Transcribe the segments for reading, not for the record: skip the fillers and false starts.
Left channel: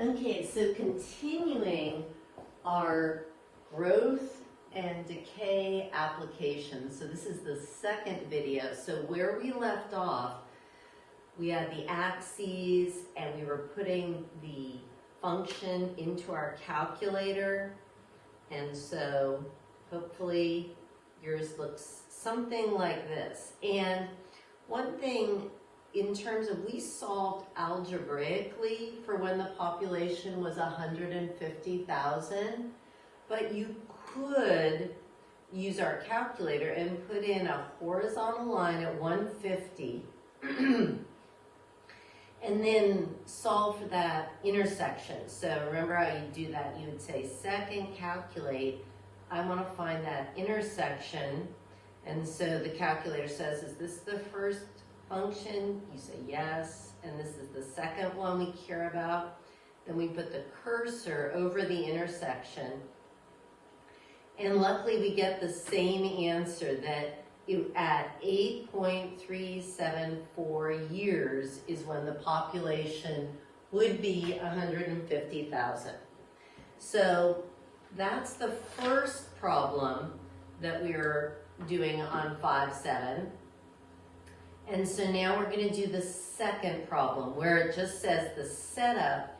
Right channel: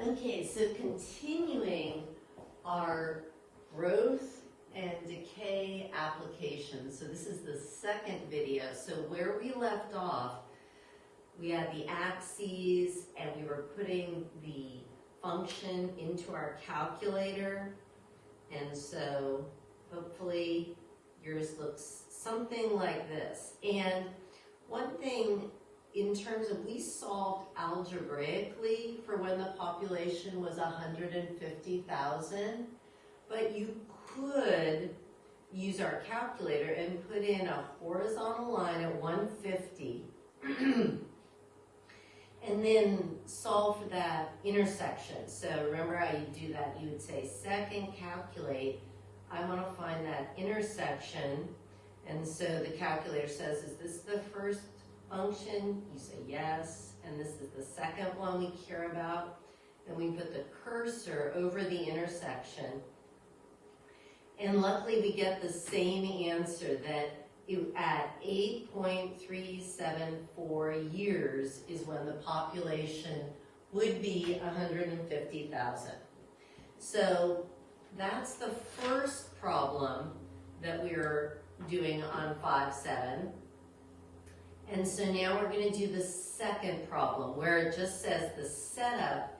Okay, so continuing our growth and decay application. So this is the second video. So where we left off, we had the axes and we were putting the function into our calculator. And so hopefully yours looks something like this. And one thing in terms of, we solved algebraically for when the population was 150,000, but you could use our calculator and put in a horizontal line at 150 and then solve for that intersection. So remember how you do that? You would say, second, calculate. I want to find that intersection. And so the calculator says, is this the first function? You say yes. And this is the second one we care about. Then we put the cursor over the intersection. And luckily we get the same answer, that at 8.374 years is when the population would be 150,000. So that's the first problem that we were doing on 5-7. And so now we're going to do the second problem, where it just says the setup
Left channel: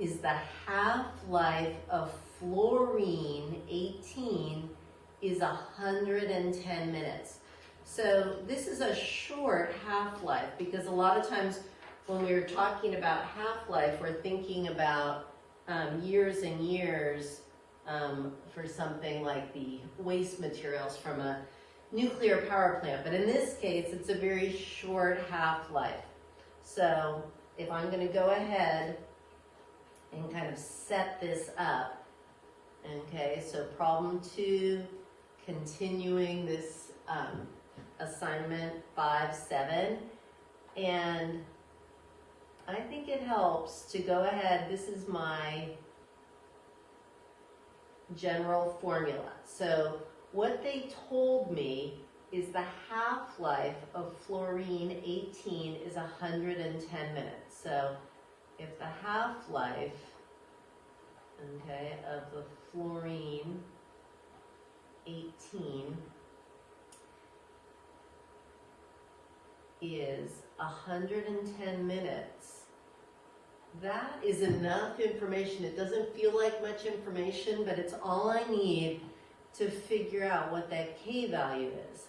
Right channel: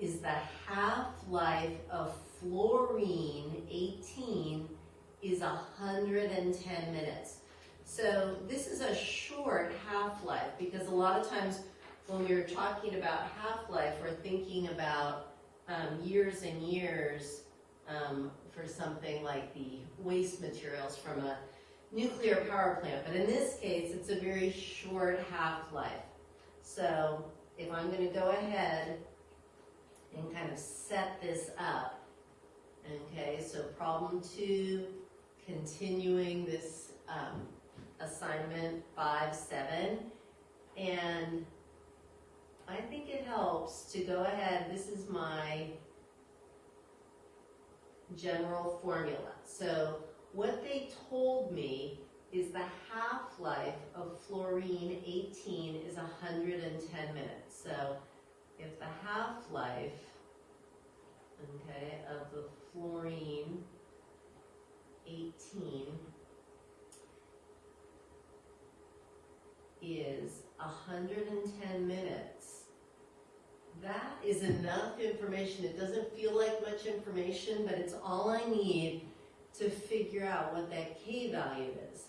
is the half-life of fluorine 18 is 110 minutes. So this is a short half-life, because a lot of times when we're talking about half-life, we're thinking about years and years for something like the waste materials from a nuclear power plant. But in this case, it's a very short half-life. So if I'm going to go ahead and kind of set this up, okay, so problem 2, continuing this assignment 5-7, and I think it helps to go ahead. This is my general formula. So what they told me is the half-life of fluorine 18 is 110 minutes. So if the half-life, okay, of the fluorine 18 is 110 minutes, that is enough information. It doesn't feel like much information, but it's all I need to figure out what that K value is.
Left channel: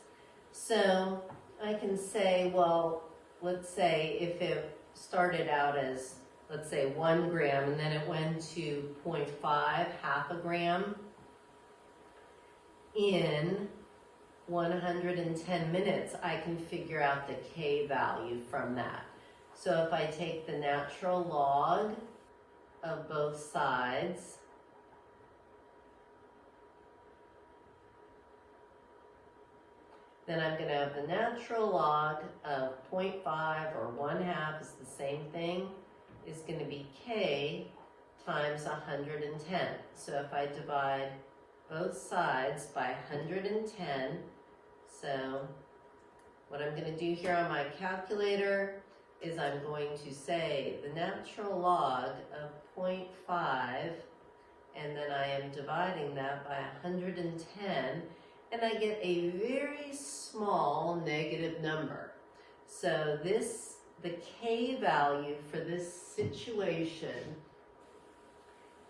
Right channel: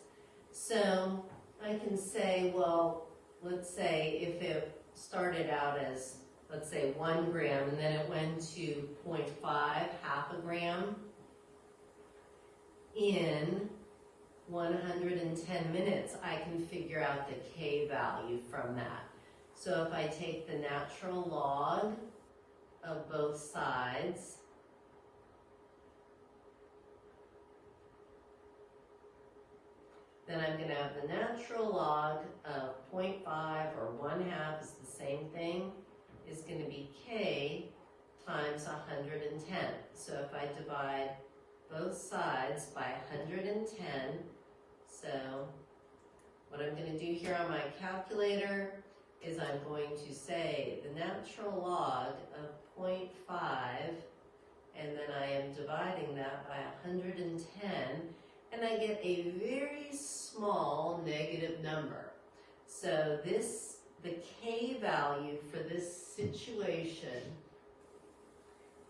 So I can say, well, let's say if it started out as, let's say 1 gram, and then it went to 0.5, half a gram, in 110 minutes, I can figure out the K value from that. So if I take the natural log of both sides, then I'm going to have the natural log of 0.5, or 1/2 is the same thing, is going to be K times 110. So if I divide both sides by 110, so what I'm going to do here on my calculator is I'm going to say the natural log of 0.5, and then I am dividing that by 110, and I get a very small negative number. So this, the K value for this situation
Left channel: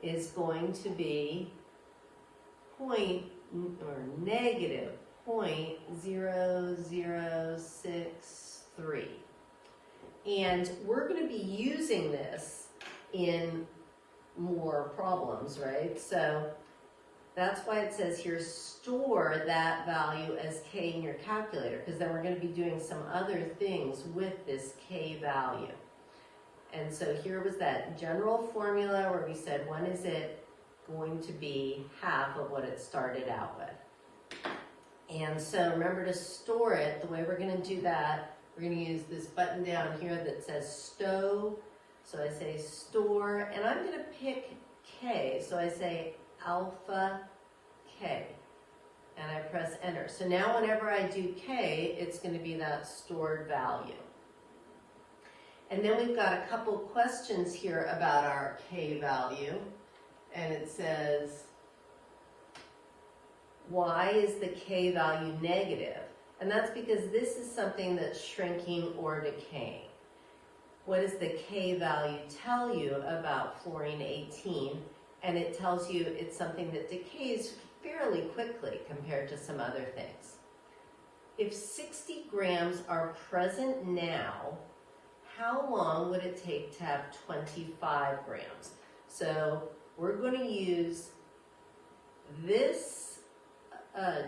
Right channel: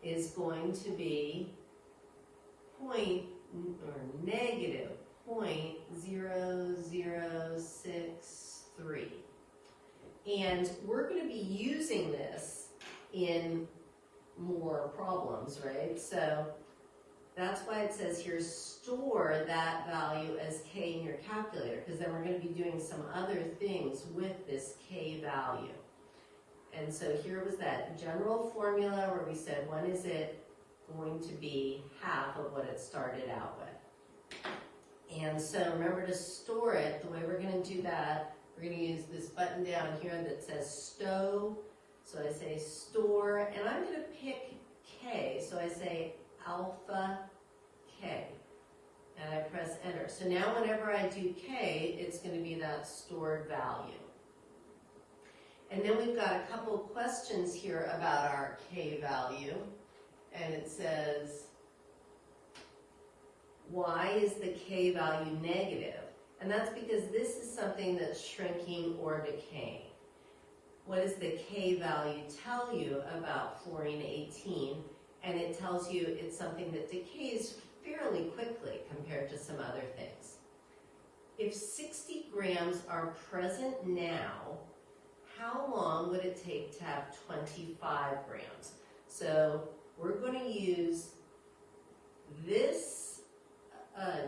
is going to be negative 0.0063. And we're going to be using this in more problems, right? So that's why it says here, store that value as K in your calculator, because then we're going to be doing some other things with this K value. And so here was that general formula where we said, when is it going to be half of what it started out with? And so remember to store it. The way we're going to do that, we're going to use this button down here that says stow. So I say store, and I'm going to pick K. So I say alpha K, and I press enter. So now whenever I do K, it's going to be that stored value. And then we've got a couple questions here about our K value. And it says, why is the K value negative? And that's because this is something that's shrinking or decaying. What does the K value tell you about fluorine 18? And it tells you it's something that decays fairly quickly compared to some other things. If 60 grams are present now, how long would it take to have 25 grams? So we're going to use this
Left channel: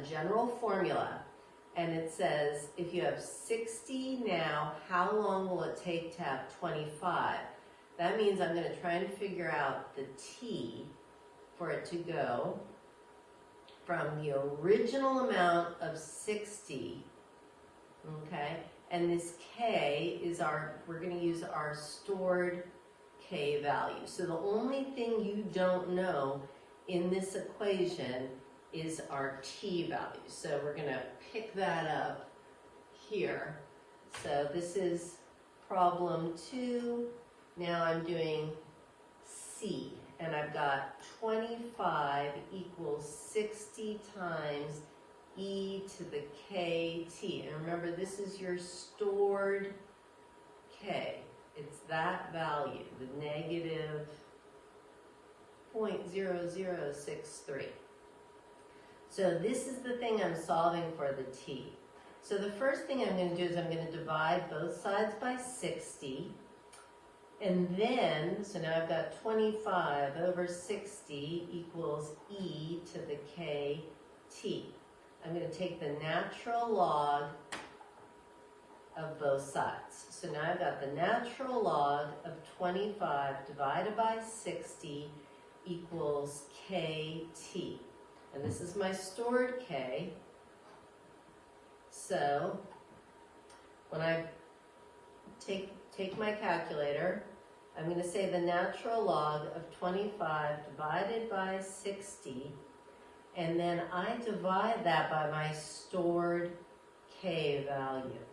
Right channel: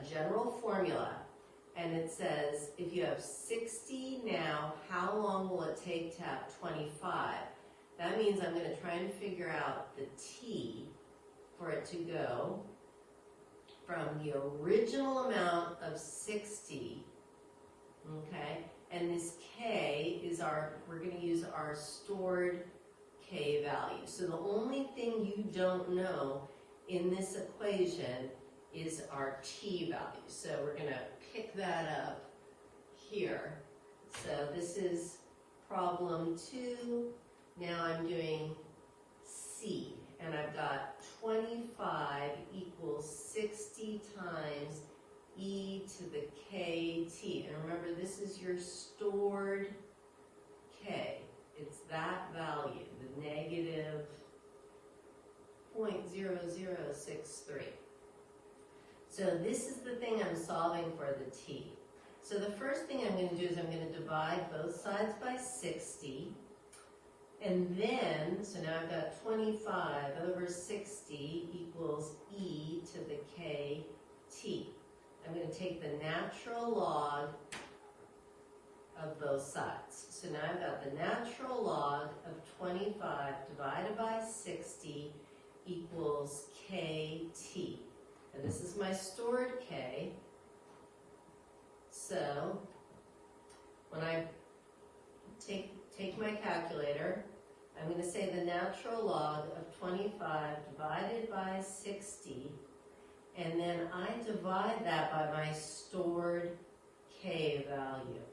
general formula, and it says if you have 60 now, how long will it take to have 25? That means I'm going to try and figure out the T for it to go from the original amount of 60, okay, and this K is we're going to use our stored K value. So the only thing you don't know in this equation is our T value. So we're going to pick that up here. So this is problem 2. Now I'm doing C, and I've got 25 equals 60 times e to the kt. And remember, this is your stored K. It's that value, the negative 0.0063. So this is the thing I'm solving for, the T. So the first thing I'm going to do is I'm going to divide both sides by 60. And then, so now I've got 25 over 60 equals e to the kt. I'm going to take the natural log of both sides. So now I've got the natural log of 25 divided by 60 equals kt. And this is my stored K. So when I take my calculator, I'm going to say the natural log of 25 divided by 60, and then I divide that by my stored K value.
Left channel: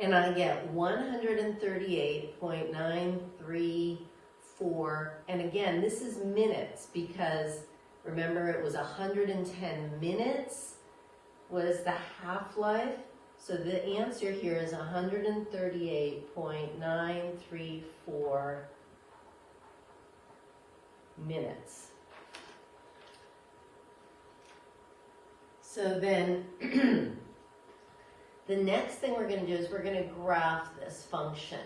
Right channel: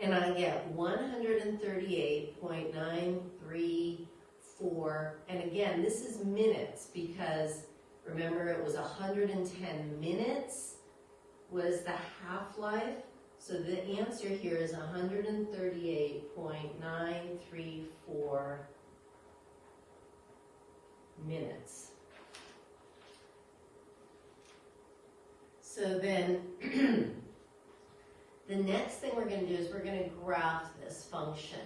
And I get 138.934, and again, this is minutes because remember it was 110 minutes was the half-life. So the answer here is 138.934 minutes. So then the next thing we're going to do is we're going to graph this function.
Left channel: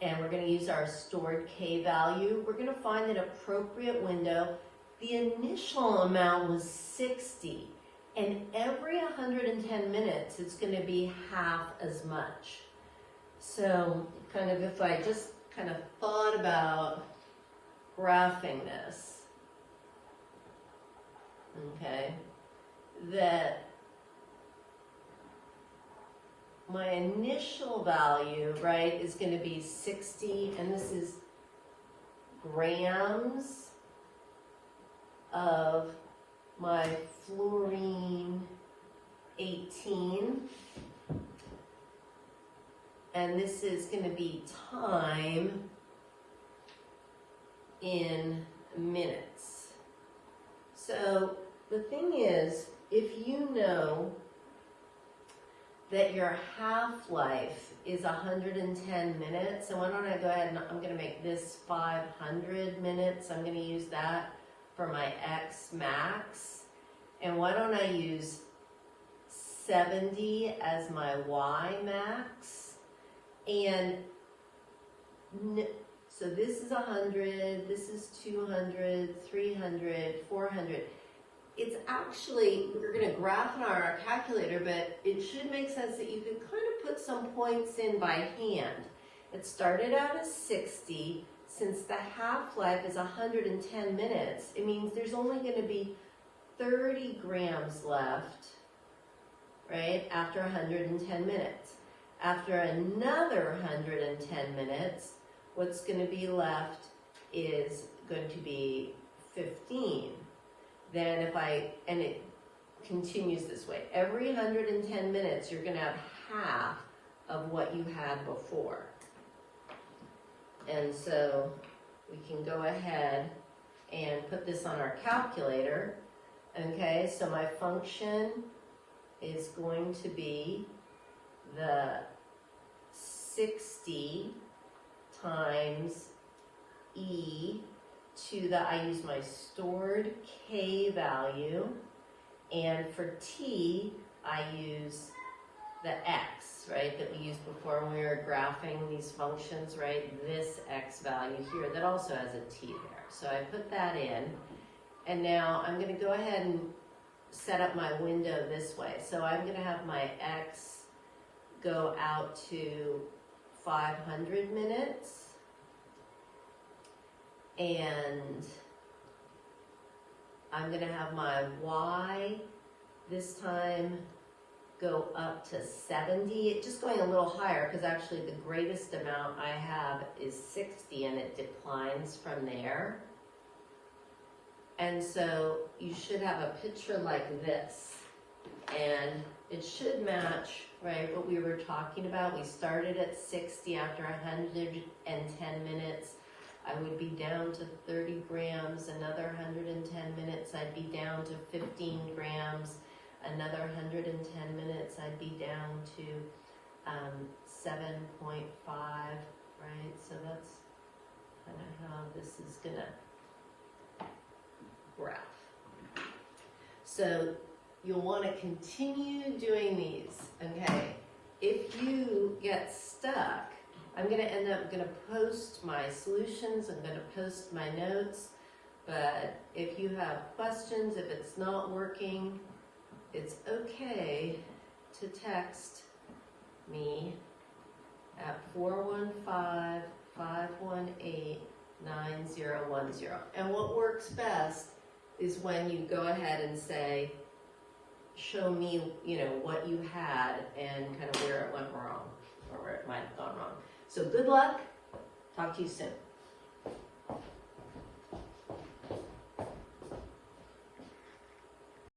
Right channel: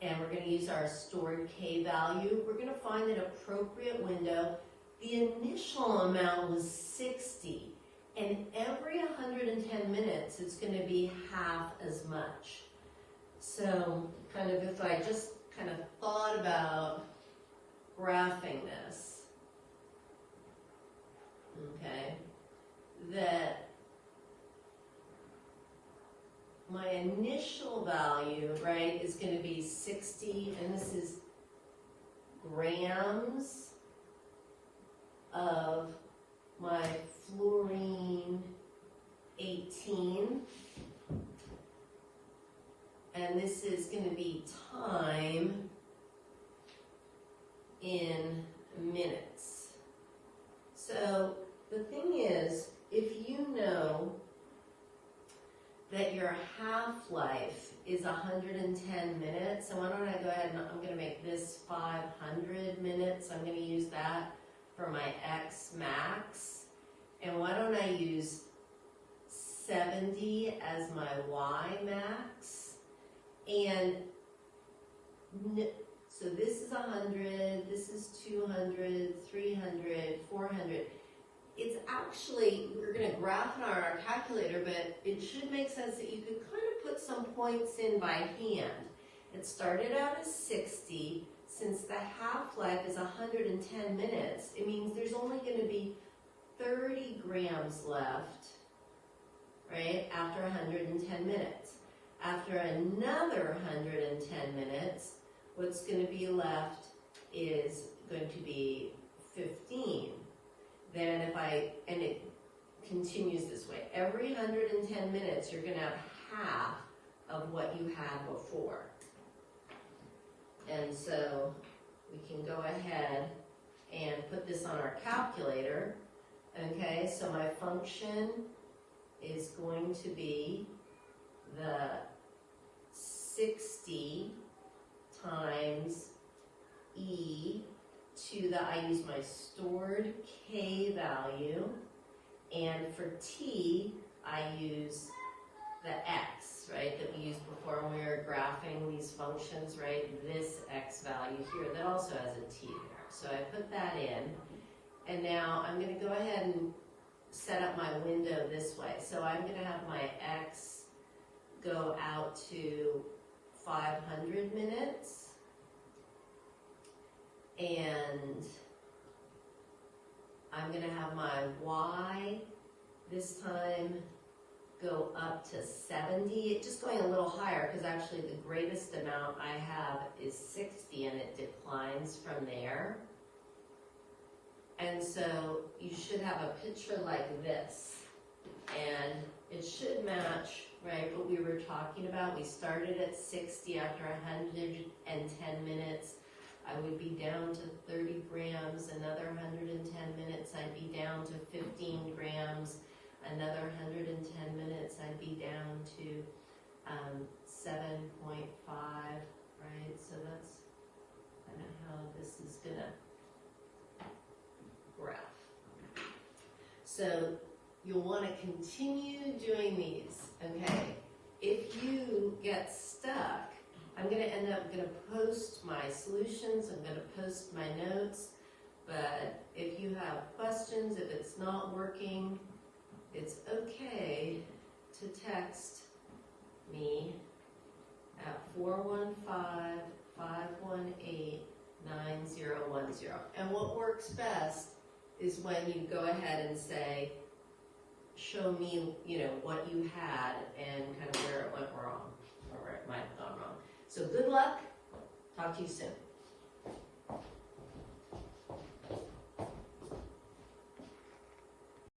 And we're going to use our stored K value. We're going to find an appropriate window. The initial amount was 60. And every 110 minutes, it's going to be half as much. So kind of if I just kind of thought about graphing this, okay, that my initial value, right, is going to be 60, and this is grams of my fluorine 18, and this is going to be time in minutes. So the thing is, if you know that your half-life is 110 minutes, so why don't I go ahead and I'm going to make this 500 minutes. I'm going to use that for my X max. And why don't I use 70 as my Y max? And so this is 100, this is 200, 300, 400. It's actually, we're going to graph it on our calculator, but it should make sense that you could kind of put some points in by hand. It started out as 60. Since the half-life is 110 minutes, it means there's only going to be 30 grams left, right, after 110 minutes. After another 110 minutes, what's going to be left is going to be 15. Then and it continues this way. Every 110 minutes, you're going to have half of what you had before. And so we can go ahead and put this on our calculator. Okay, so my function is going to be the 60 times e to the, I use my stored k value, and for t, I use the x, right, that we used before when we were graphing these functions, right, this x value here that also has a t there. So I put that in, and now I'm going to go ahead and set up my window this way. So I'm going to have my x go out to 500 minutes, and I'm going to have my y this time go up to 70, just going a little higher because actually the greatest amount I have is 60 and it declines from there. And so you should have a picture like this, and it should match, right, what we were talking about. We started at 60 after 110 minutes. I would be down to 30 grams, another 110 minutes, I'd be down to 15 grams, another 110 minutes, I'd be down to 7.5, right? So that's kind of how this is gonna graph. So you'll want to continue doing these, okay? If you get stuck, I'm going to end up going to post my solutions, I'm going to post my notes, but if you have questions, if it's not working, it's okay to text me at 415-518-9010. And what works best is when you go ahead and say, show me, what you had and kind of where it went wrong, or where it might have gone wrong. So good luck. Talk to you soon.